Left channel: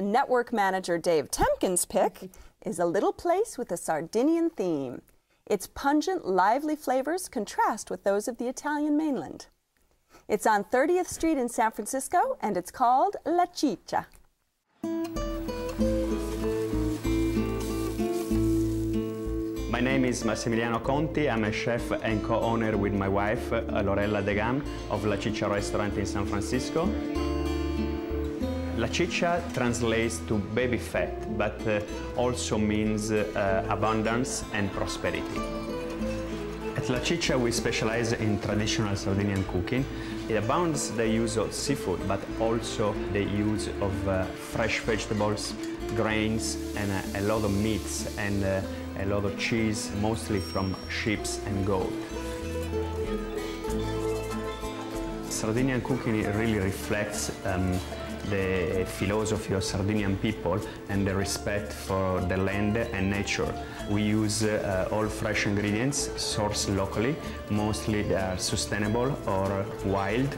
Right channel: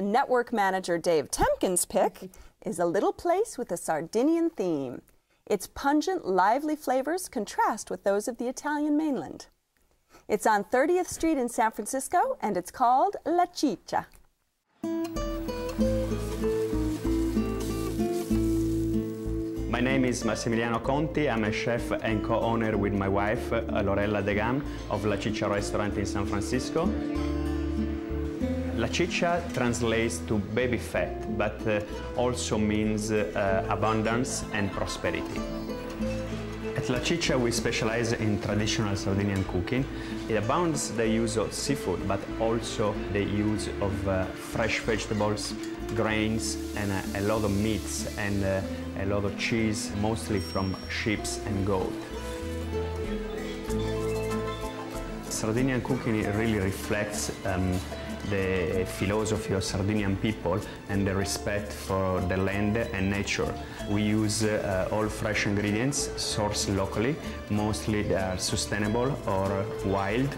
network manager Dave Temkin's pick is a little place with a Sardinian theme. Its pungent, lively flavors contrast with those of the Italian mainland. It's on 30th Street in San Francisco, and it's called La Ciccia. My name is Massimiliano Conti. I'm a chef and co-owner with my wife, Lorella Degam, of La Ciccia restaurant in San Francisco. La Ciccia translates to baby fat, but also means abundance and prosperity. At La Ciccia, we specialize in traditional Sardinian cooking. It abounds the use of seafood, but also the use of fresh vegetables, grains, and a lot of meats and a lot of cheese, mostly from sheep and goat. Sardinian cooking really reflects the philosophy of Sardinian people and the respect for the land and nature. We use all fresh ingredients sourced locally. Mostly they are sustainable or wild.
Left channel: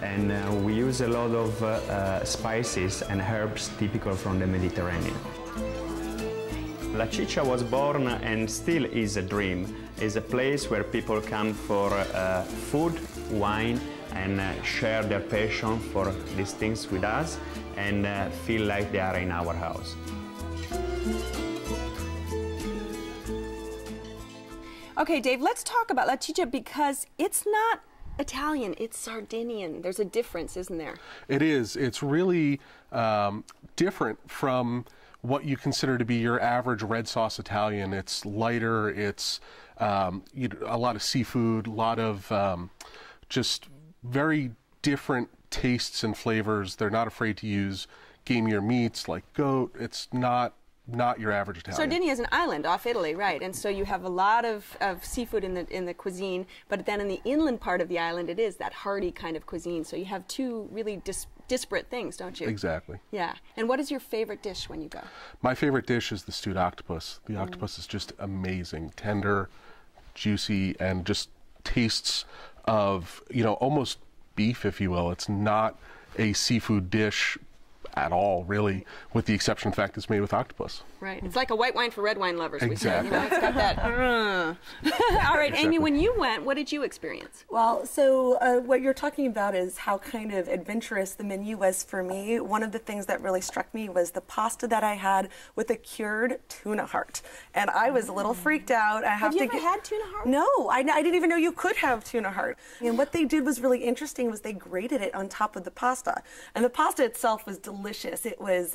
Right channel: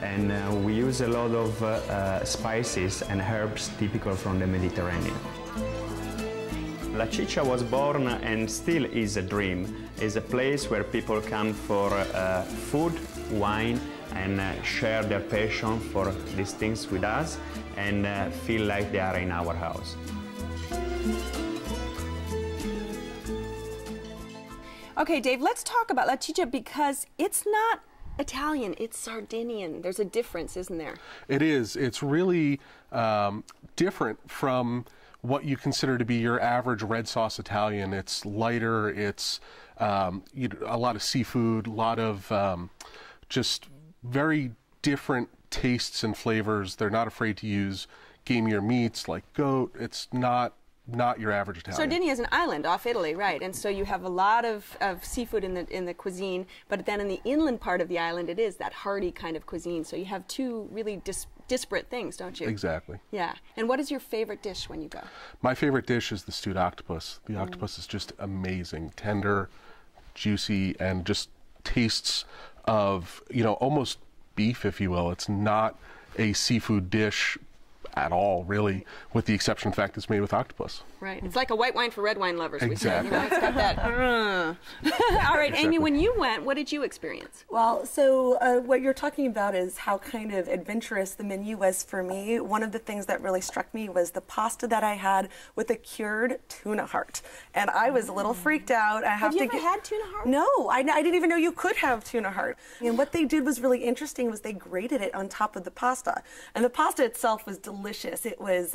And we use a lot of spices and herbs typical from the Mediterranean. La Ciccia was born and still is a dream. It's a place where people come for food, wine, and share their passion for these things with us and feel like they are in our house. Okay, Dave, let's talk about La Ciccia because it's not Italian, it's Sardinian. There's a difference, isn't there? It is. It's really different from what you consider to be your average red sauce Italian. It's lighter, it's a lot of seafood, a lot of just very different tastes and flavors. They're not afraid to use gamier meats like goat. It's not your average Italian. Sardinia is an island off Italy, right? And so you have a lot of seafood in the cuisine, but then in the inland part of the island, it is that hearty kind of cuisine. So you have two really disparate things, don't you? Exactly. Yeah. And what is your favorite dish when you go? My favorite dish is the stewed octopus. The octopus is just amazing, tender, juicy, and just tastes of, almost beef, if you will. It's not a seafood dish at all, really, with the exception of the fact it's made with octopus. Right. It's like a white wine for red wine lovers. Exactly. It's got that. All right, Amy, when you went, what did you experience? Well, so what you're talking about is how kind of adventurous the menu was for me. One of the things that really struck me was the pasta that I had with a cured tuna heart. And I was a little freaked out. Have you ever had tuna heart? No, I didn't even know you could have tuna heart. And what they did was really interesting was they grated it on top of the pasta. And the pasta itself was delicious. It was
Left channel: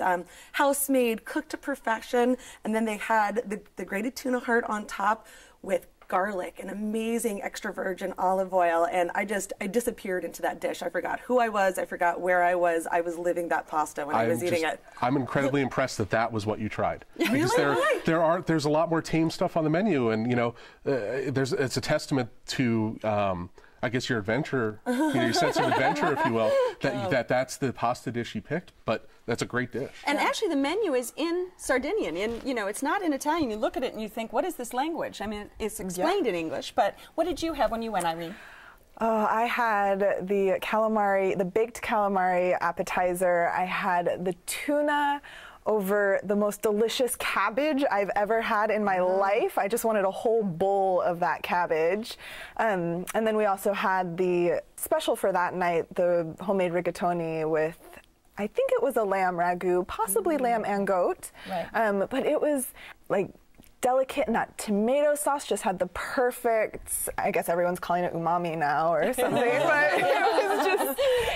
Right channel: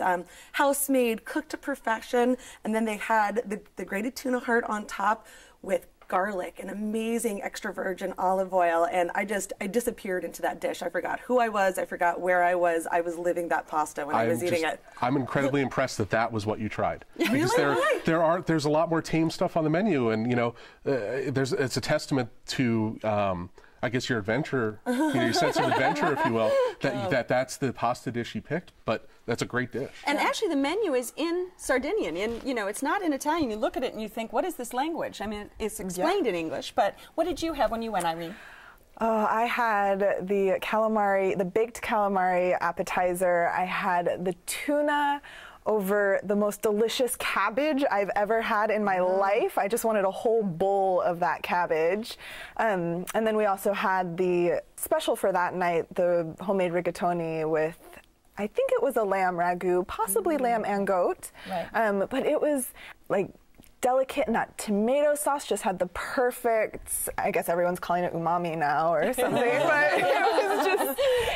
house-made, cooked to perfection. And then they had the grated tuna heart on top with garlic and amazing extra virgin olive oil. And I disappeared into that dish. I forgot who I was. I forgot where I was. I was living that pasta when I was eating it. I'm incredibly impressed that was what you tried. Because Really? there's a lot more tame stuff on the menu. And, it's a testament to... I guess your adventure, your sense of adventure, if you will, that's the pasta dish you picked, but that's a great dish. And actually the menu is in Sardinian, it's not in Italian. You look at it and you think, what is this language? I mean, it's explained in English, but what did you have when you went, Irene? Oh, I had the calamari, the baked calamari appetizer. I had the tuna over the most delicious cabbage I've ever had in my life. I just wanted a whole bowl of that cabbage. And then we also had the special for that night, the homemade rigatoni with, I think it was a lamb ragu, possibly lamb and goat. Right. But it was like delicate, and that tomato sauce just had the perfect, I guess everyone's calling it umami now or something, but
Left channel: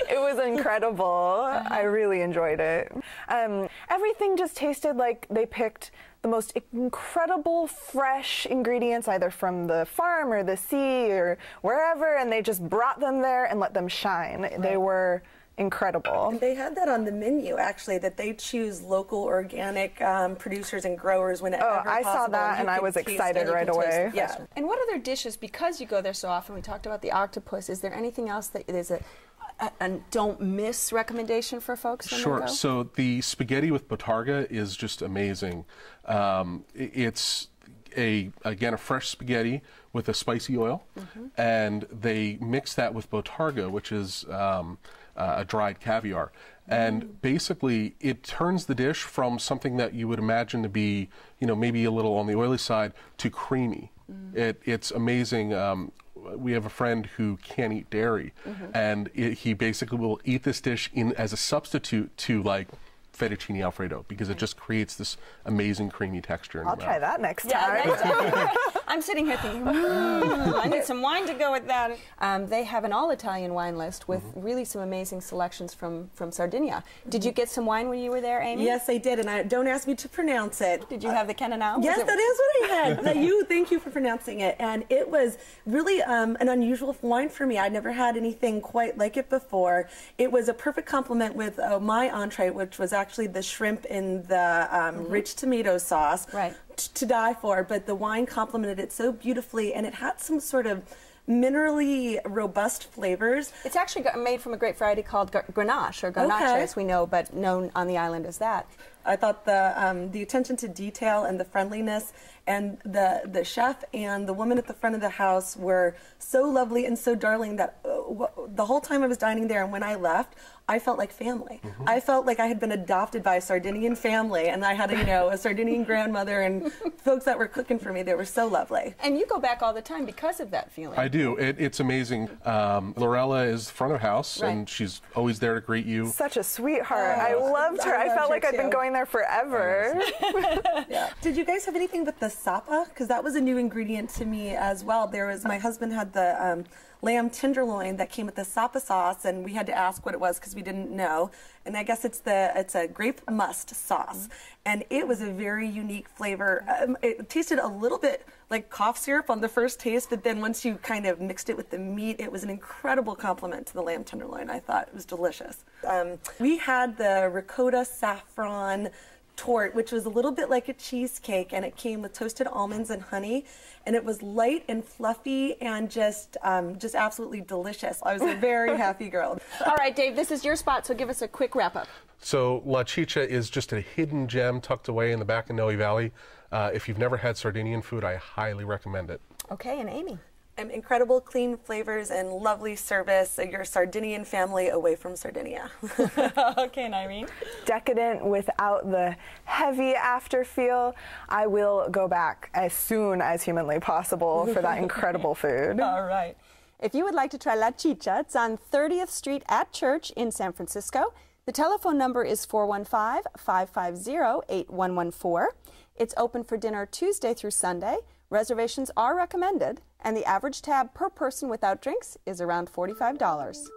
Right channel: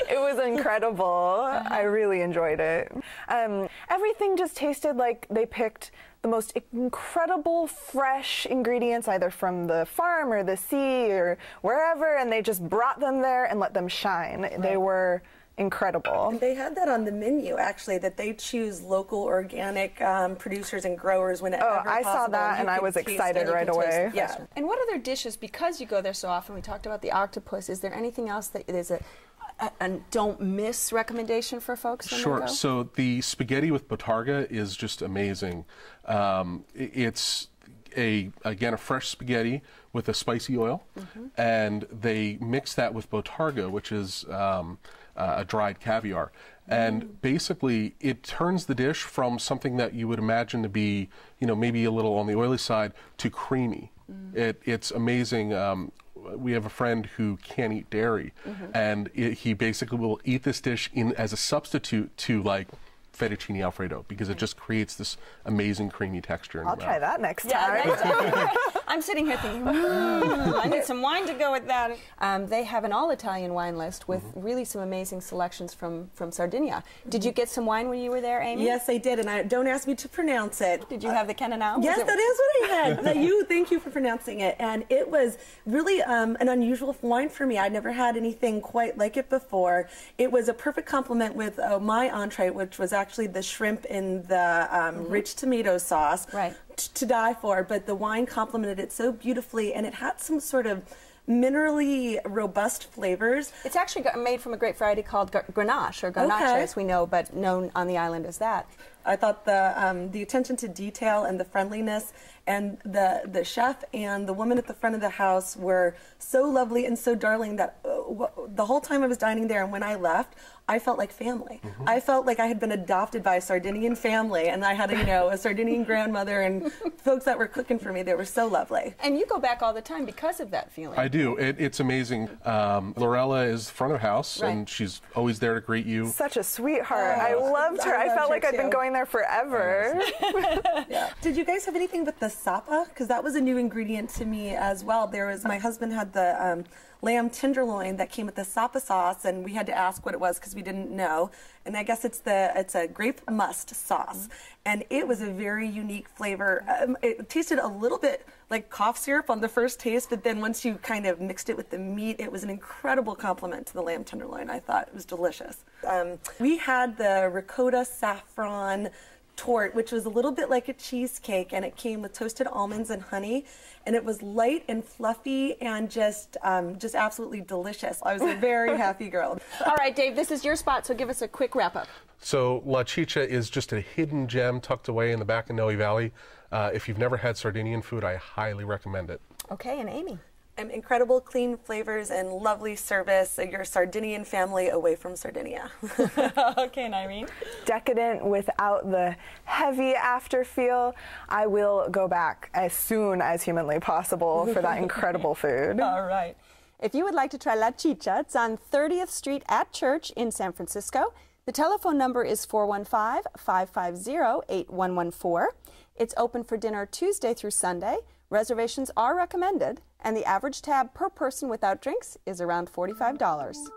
it was incredible. I really enjoyed it. Everything just tasted like they picked the most incredible fresh ingredients either from the farm or the sea or wherever, and they just brought them there and let them shine. Right. They were incredible. And they had that on the menu, actually, that they choose local organic producers and growers whenever possible. I saw that and I was excited right away. Yeah. And what other dishes, because you go there so often, we talked about the octopus, is there anything else that is a don't miss recommendation for folks when Sure. they go? So the spaghetti with Bottarga is just amazing. It's again a fresh spaghetti with a spicy oil, and they mix that with Bottarga, which is a dried caviar, And basically, it turns the dish from something that you would imagine to be, maybe a little on the oily side to creamy. It's amazing. We have a friend who can't eat dairy, and he basically will eat this dish as a substitute to like fettuccine alfredo, because it just creates this amazing creamy texture in your I'll try that next time. Yeah, I'm sitting here thinking, I need some wine to go with that. They have an all-Italian wine list with really some amazing selections from Sardinia. Did you get some wine when you were there, Amy? Yes, I did, and don't ask me to pronounce it. Did you have the Cananao? Yes, that is what I had. Thank you for pronouncing it. And it was really an unusual wine for me. I'd never had anything quite like it before. It was a perfect complement with my entree, which was actually the shrimp in the rich tomato sauce. Right. To die for, but the wine complemented it so beautifully, and it had some sort of minerally robust flavors. It's actually made from a grape variety called Grenache, or Grenache as we know, but known on the island as that. I thought the attention to detail and the friendliness, and the chef and the woman at the front of the house were so lovely and so darling that the whole time I was dining there and when I left, I felt like family. I felt like I had been adopted by a Sardinian family, and I had a Sardinian grandmother and folks that were cooking for me. They were so lovely. And you go back all the time because of that feeling. I do. It's amazing. Lorella is front of house, and she's always there to greet you. Such a sweetheart. I loved her. I felt like I'd been going there forever. Yeah. Did you guys have anything with the sapa? Because that was a new ingredient to me as well. My husband had the lamb tenderloin that came with the sapa sauce, and we had to ask what it was because we didn't know. And I guess it's a grape must sauce, and it was a very unique flavor. It tasted a little bit like cough syrup on the first taste, but then once you kind of mixed it with the meat, it was an incredible compliment to the lamb tenderloin. I thought it was delicious. We had the ricotta saffron torte, which was a little bit like a cheesecake, and it came with toasted almonds and honey, and it was light and fluffy and just absolutely delicious. I was a very happy girl. All right, Dave, this is your spot, so give us a quick wrap-up. So La Ciccia is just a hidden gem tucked away in the back of Noe Valley. If you've never had Sardinian food, I highly recommend it. Okay, and Amy? Incredible clean flavors and lovely service. Your Sardinian family away from Sardinia. Okay, and Irene? Decadent without the heavy afterfeel. I will go back as soon as humanly possible for that incredible food. All right. If you would like to try La Ciccia, it's on 30th Street at Church in San Francisco. The telephone number is 415-550-8114. It's open for dinner Tuesday through Sunday. Reservations are recommended, and the average tab per person without drinks is around $45.